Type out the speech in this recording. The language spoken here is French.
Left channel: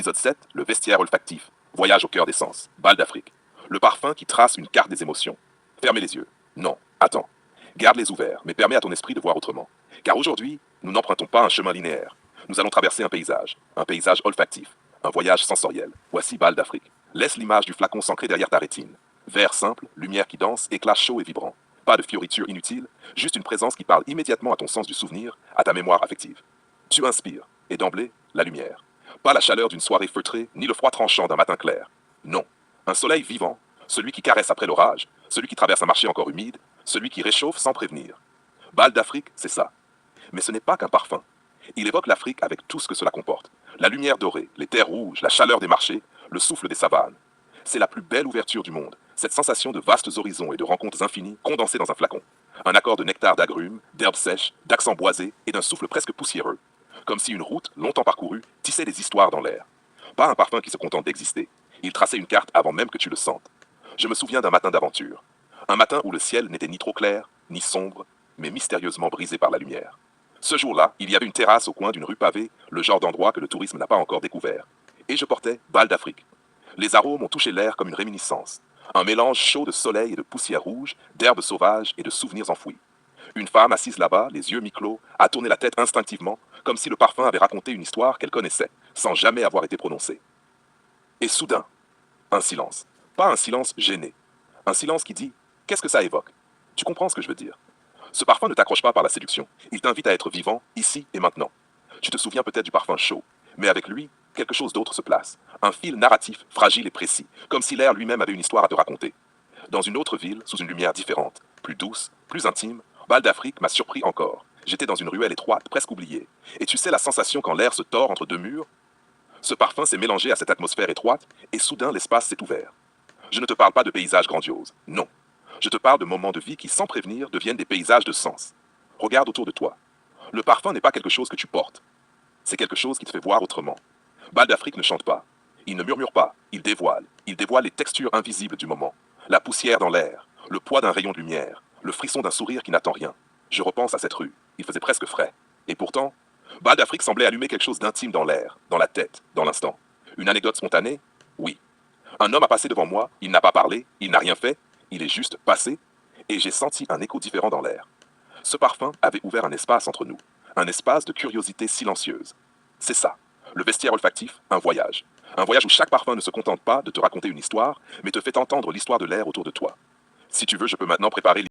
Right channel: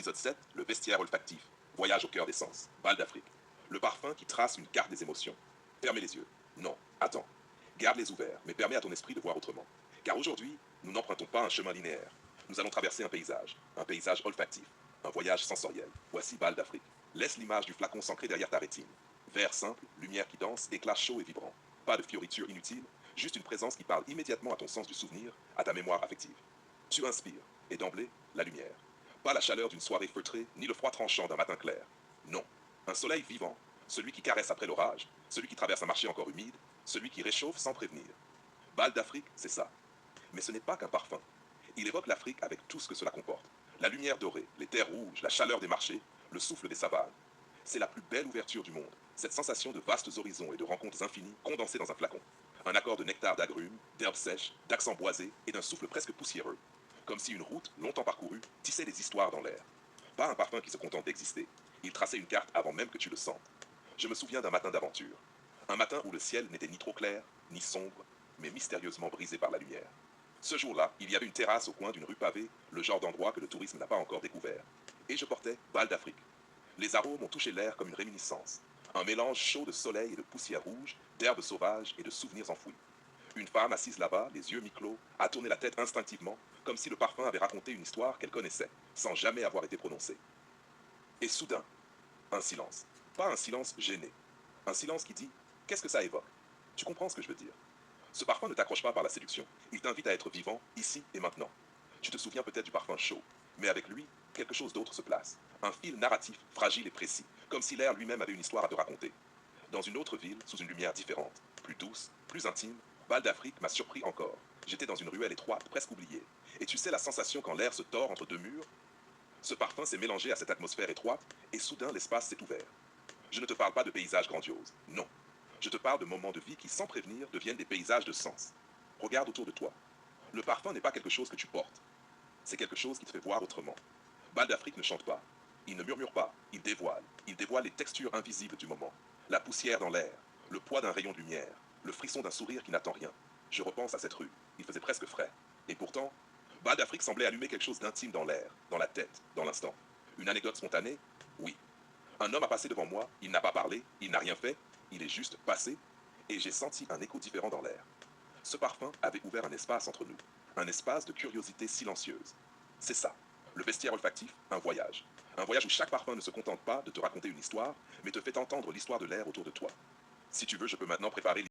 Épisode 7, le vestiaire olfactif. Voyage au cœur des sens. Bal d'Afrique. Le parfum qui trace une carte des émotions. Fermez les yeux. Non, attends. Garde-les ouverts, mais permets à ton esprit de voir autrement. Car aujourd'hui, nous n'empruntons pas un chemin linéaire. Nous allons traverser un paysage olfactif, un voyage sensoriel. Voici Bal d'Afrique. Laisse l'image du flacon s'ancrer derrière ta rétine. Verre simple, lumière qui danse, éclat chaud et vibrant. Pas de fioritures inutiles, juste une présence qui parle immédiatement à ton sens du souvenir, à ta mémoire affective. Tu inspires, et d'emblée, la lumière. Pas la chaleur d'une soirée feutrée, ni le froid tranchant d'un matin clair. Non, un soleil vivant, celui qui caresse après l'orage, celui qui traverse un marché encore humide, celui qui réchauffe sans prévenir. Bal d'Afrique, c'est ça. Mais ce n'est pas qu'un parfum. Il évoque l'Afrique avec tout ce que cela comporte. La lumière dorée, les terres rouges, la chaleur des marchés, le souffle des savanes. C'est la plus belle ouverture du monde, cette sensation de vastes horizons et de rencontres infinies condensées dans un flacon. Un accord de nectar d'agrumes, d'herbes sèches, d'accents boisés et d'un souffle presque poussiéreux. Comme si une route, longtemps parcourue, tissait des histoires dans l'air. Pas un parfum qui se contente d'exister. Il traçait une carte avant même que tu le sentes. Je me souviens d'un matin d'aventure. Un matin où le ciel n'était ni trop clair, ni sombre, mais mystérieusement brisé par la lumière. Ce jour-là, il y avait une terrasse au coin d'une rue pavée, le genre d'endroit que le tourisme n'a pas encore découvert. Et je portais Bal d'Afrique. Les arômes ont touché l'air comme une réminiscence. Un mélange chaud de soleil et de poussière rouge, d'herbes sauvages et de souvenirs enfouis. Une femme assise là-bas, les yeux mi-clos, a tourné la tête instinctivement, comme si le parfum avait raconté une histoire qu'elle connaissait, sans jamais avoir été prononcée. Et soudain, un silence. Pas un silence gêné. Un silence qui dit « Qu'est-ce que ça évoque ?» Tu comprends ce que je veux dire? Ce parfum ne t'accroche pas par la séduction. Il t'invite à être vivant, ici et maintenant. Tu te souviens peut-être du parfum chaud, mais avec lui, quelque chose d'autre se place. Un fil narratif, fragile et précis, comme si l'air lui-même avait une histoire à te raconter. Dans une autre ville, sous une lumière différente, plus douce, plus intime, Bal d'Afrique m'a surpris encore. J'étais dans une ruelle étroite, presque oubliée. Et tu sais la sensation quand l'air se tord entre deux murs? Ce parfum s'est mélangé à cette atmosphère étroite, et soudain l'espace s'est ouvert. Je ne te parle pas de paysages grandioses, non. Je te parle de moments de vie qui, sans prévenir, deviennent des paysages de sens. Regarde autour de toi. Le parfum n'est pas quelque chose que tu portes. C'est quelque chose qui te fait voir autrement. Bal d'Afrique ne chante pas. Il ne murmure pas. Il dévoile. Il dévoile les textures invisibles du moment. La poussière dans l'air. Le poids d'un rayon de lumière. Le frisson d'un sourire qui n'attend rien. Je repense à cette rue. Il faisait presque frais. Et pourtant, Bal d'Afrique semblait allumer quelque chose d'intime dans l'air, dans la tête, dans l'instant. Une anecdote spontanée? Oui. Un homme a passé devant moi. Il n'a pas parlé. Il n'a rien fait. Il est juste passé. Et j'ai senti un écho différent dans l'air. Ce parfum avait ouvert un espace entre nous. Un espace de curiosité silencieuse. C'est ça. Le vestiaire olfactif, un voyage. Un voyage où chaque parfum ne se contente pas de te raconter une histoire, mais te fait entendre l'histoire de l'air autour de toi. Si tu veux, je peux maintenant préparer